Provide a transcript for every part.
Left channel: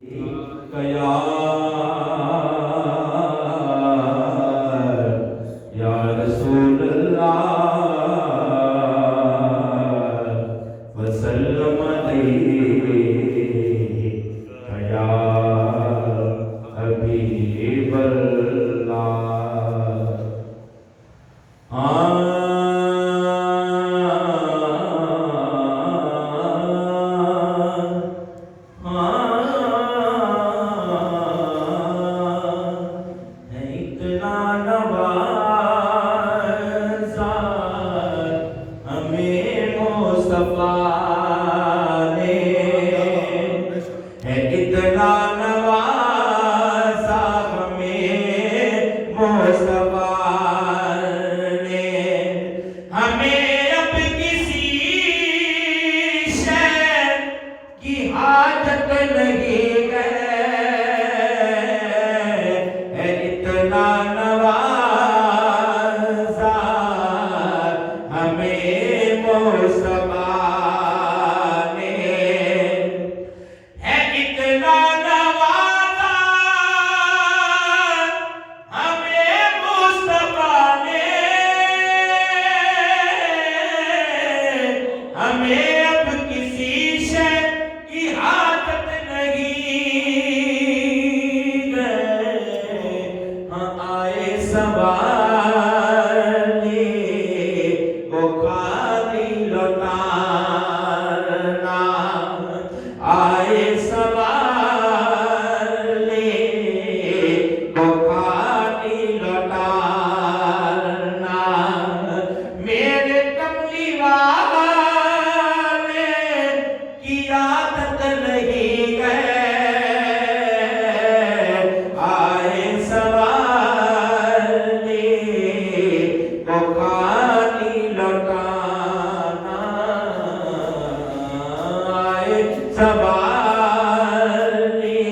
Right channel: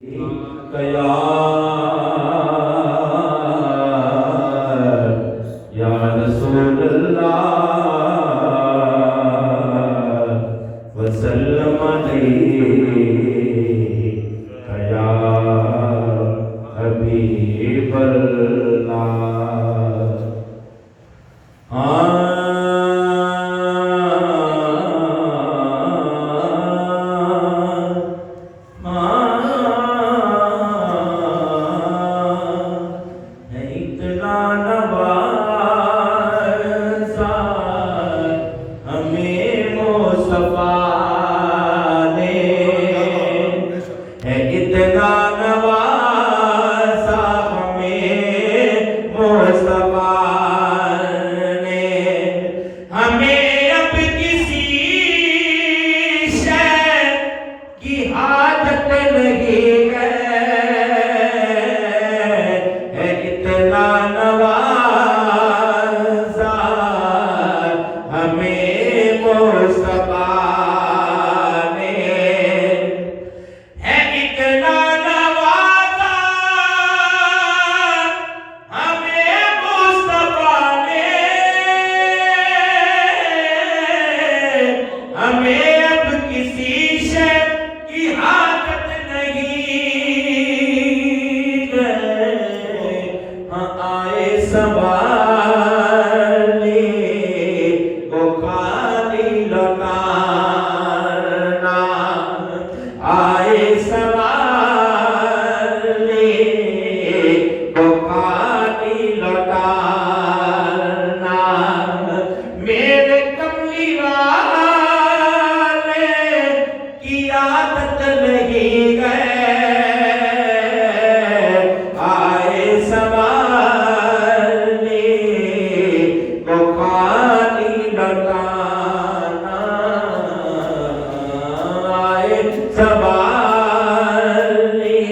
कया या रसूलल्लाह वसल्लम अलैहि कया हबीबल्लाह। इतना नवाज़ा हमें मुस्तफ़ा ने, है इतना नवाज़ा हमें मुस्तफ़ा ने, हमें अब किसी शय की हाजत नहीं है। इतना नवाज़ा हमें मुस्तफ़ा ने, है इतना नवाज़ा हमें मुस्तफ़ा ने, हमें अब किसी शय की हाजत नहीं है। आए सवाले को खाली लौटाना, आए सवाले को खाली लौटाना, मेरे कमली वाले की आदत नहीं है। आए सवाले को खाली लौटाना, आए सवाले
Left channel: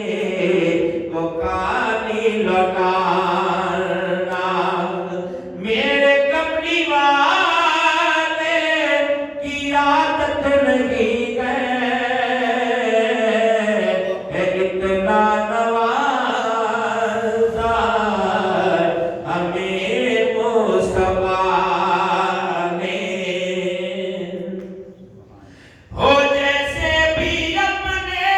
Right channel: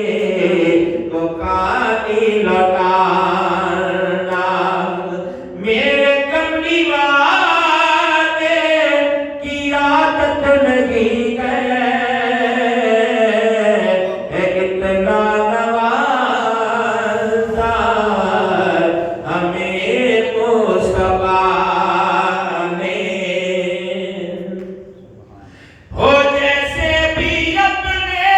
को खाली लौटाना, मेरे कमली वाले की आदत नहीं है। इतना नवाज़ा हमें मुस्तफ़ा ने, हो जैसे भी अपने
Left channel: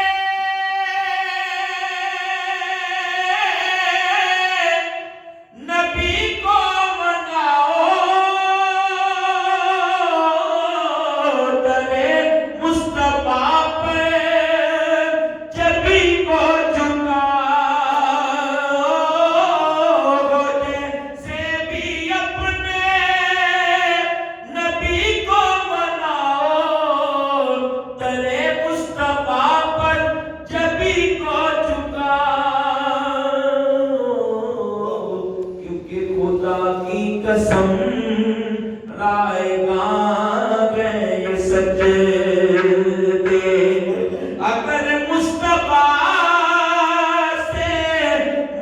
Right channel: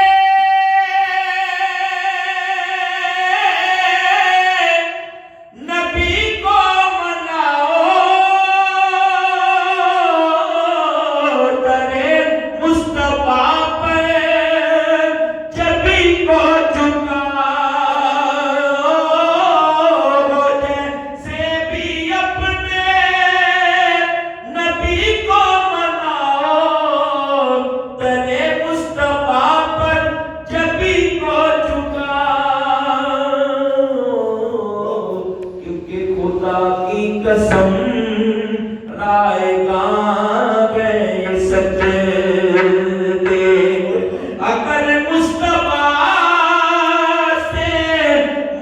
नबी को मनाओ, दरे मुस्तफ़ा पे जबी को झुकाओ। जैसे भी अपने नबी को मनाओ, दरे मुस्तफ़ा पर जबी को झुकाओ। क्योंकि खुदा की कसम लाएगा ये सजदे, अगर मुस्तफ़ा से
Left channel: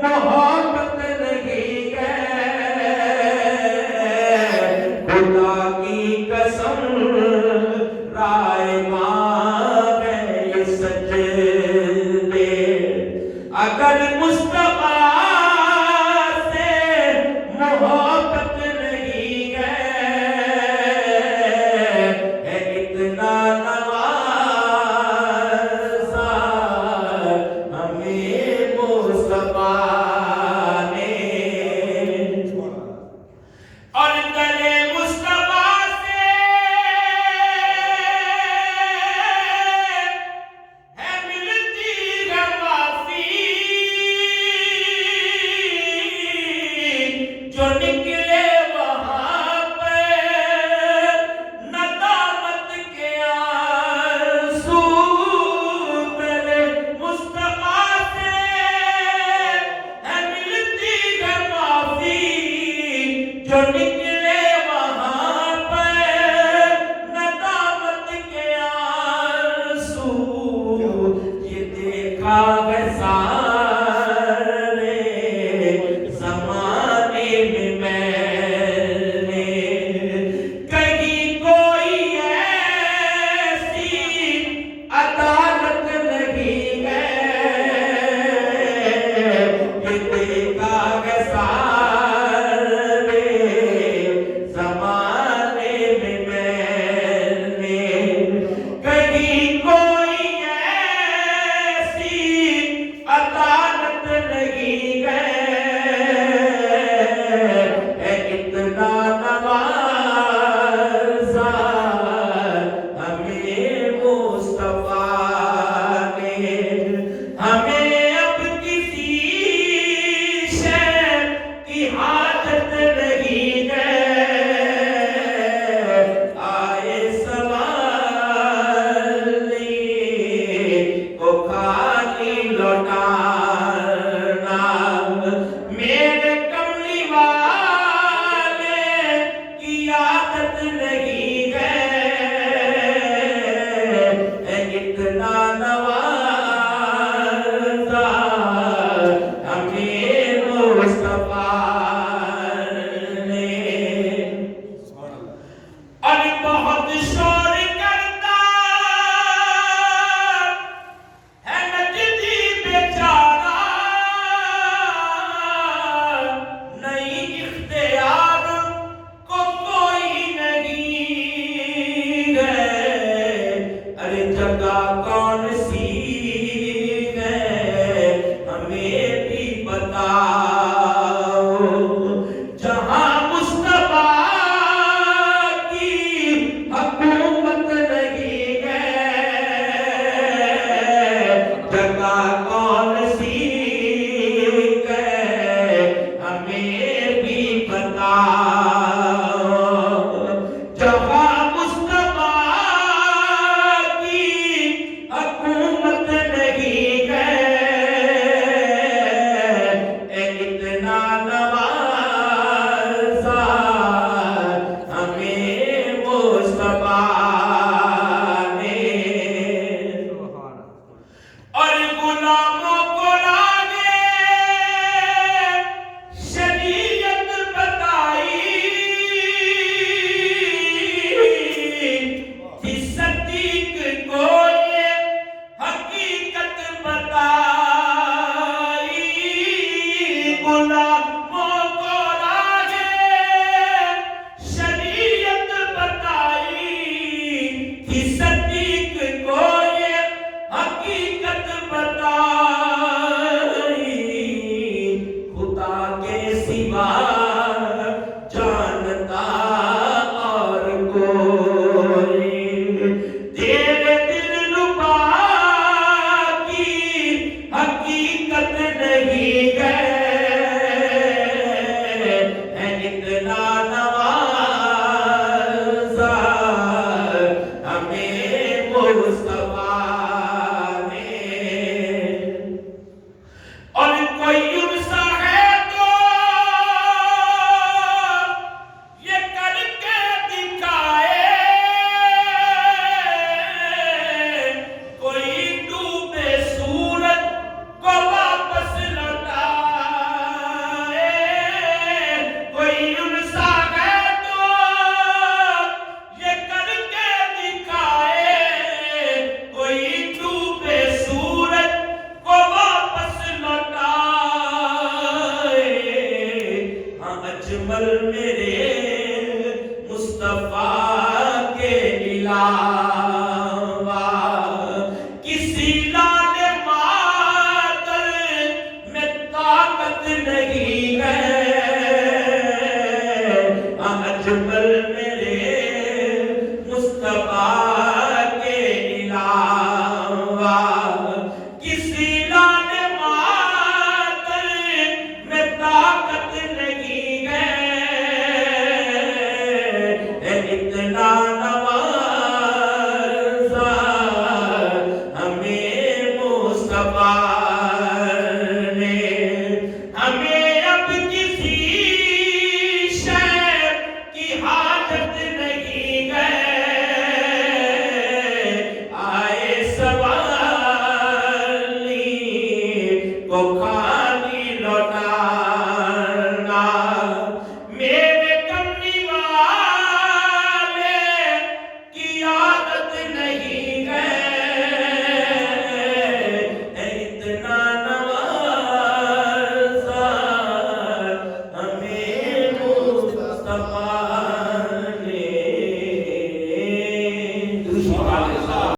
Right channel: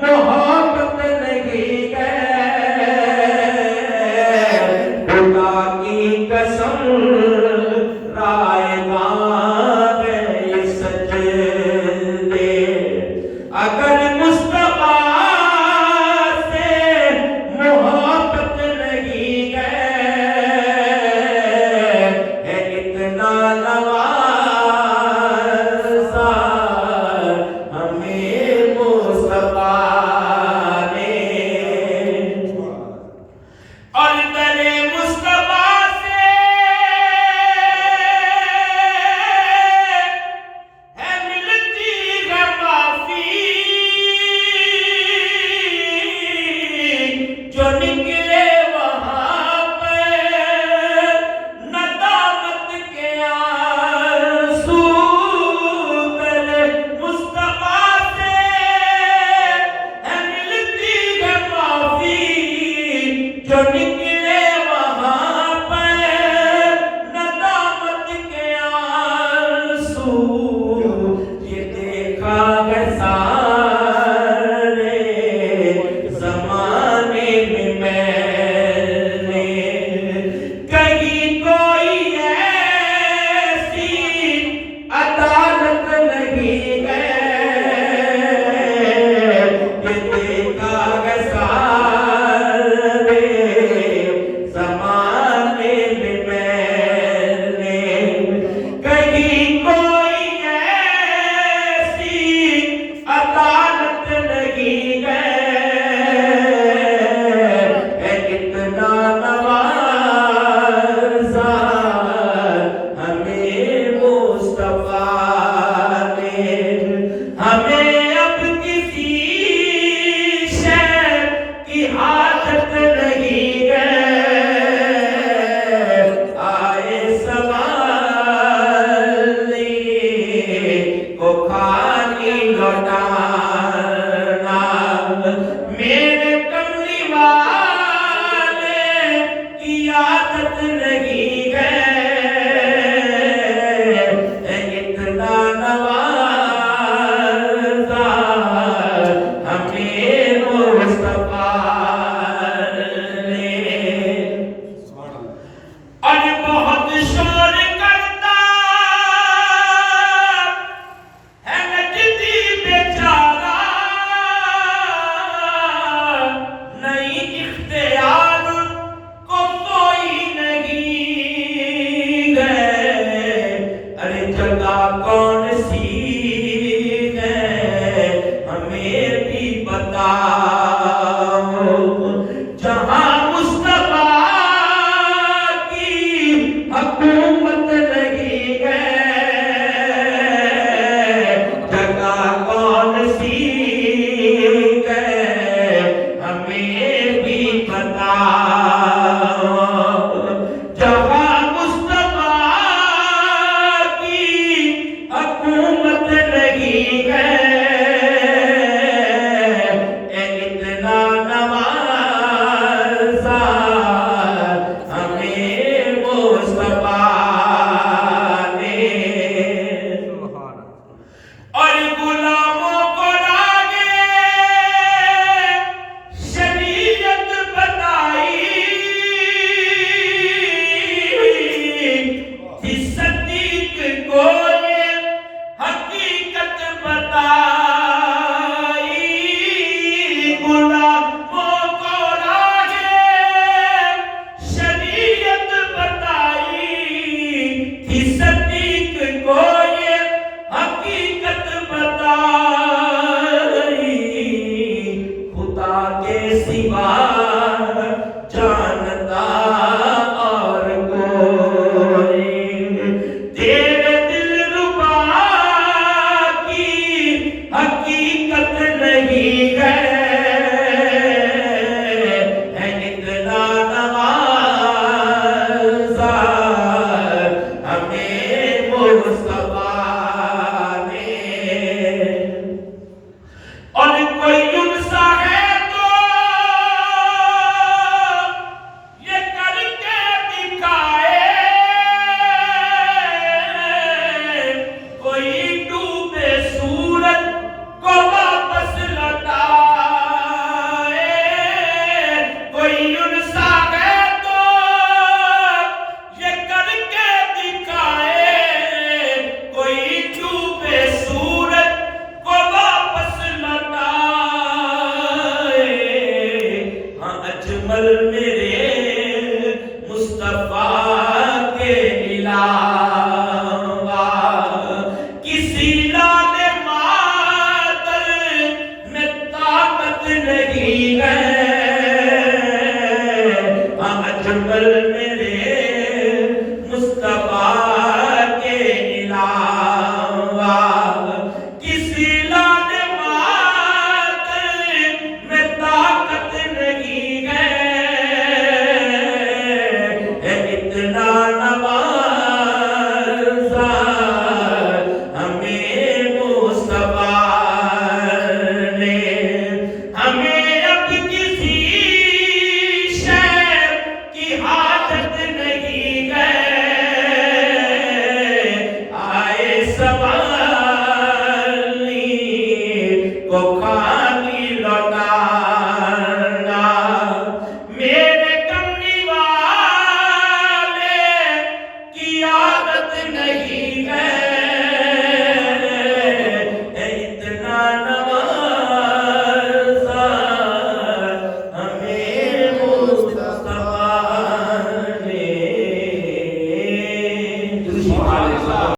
मोहब्बत नहीं है। खुदा की कसम लाएगा ये सजदे, अगर मुस्तफ़ा से मोहब्बत नहीं है। इतना नवाज़ा हमें मुस्तफ़ा ने, और दरे मुस्तफ़ा से है मिलती है माफ़ी, जो निकले वहाँ पे नदामत के आंसू। दरे मुस्तफ़ा से है मिलती है माफ़ी, जो निकले वहाँ पे नदामत के आंसू। ये देखा है सारे ज़माने में मैंने, कहीं कोई ऐसी अदालत नहीं है। हमें अब किसी शय की आदत रही है, आए सवाल को खाली लौटाना। मेरे कमली वाले की आदत रही है, इतना नवाजा हमें मुस्तफा ने। और बहुत शोर करता है नजदी बेचारा, नहीं इख्तियार को कोई नहीं है। अरे जगह कौन सी है हमें भी बताओ, जहां मुस्तफा की हुकूमत रही है। जगह कौन सी है हमें भी बताओ, जहां मुस्तफा की हुकूमत रही है। इतना नवाजा हमें मुस्तफा ने। और गुलामों को लागे शरीयत बताई, थी सदीक को ये हकीकत बताई। गुलामों को लागे शरीयत बताई, थी सदीक को ये हकीकत बताई। खुदा के सिवा जानता और कोई तेरे दिलरुबा की हकीकत नहीं है। इतना नवाजा हमें मुस्तफा ने। और कोई युवसा है तो ये करके दिखाए, कोई डूबे सूरज को वापस लौटाए। कोई युवसा है तो ये करके दिखाए, कोई डूबे सूरज को वापस लौटाए। हाँ अजमल मेरे मुस्तफा के अलावा किसी लाले मातल में ताकत नहीं है। हाँ अजमल मेरे मुस्तफा के अलावा किसी लाने मातल में ताकत नहीं है। इतना नवाजा हमें मुस्तफा ने। हमें अब किसी शय की हाजत नहीं है, आए सवाल को खा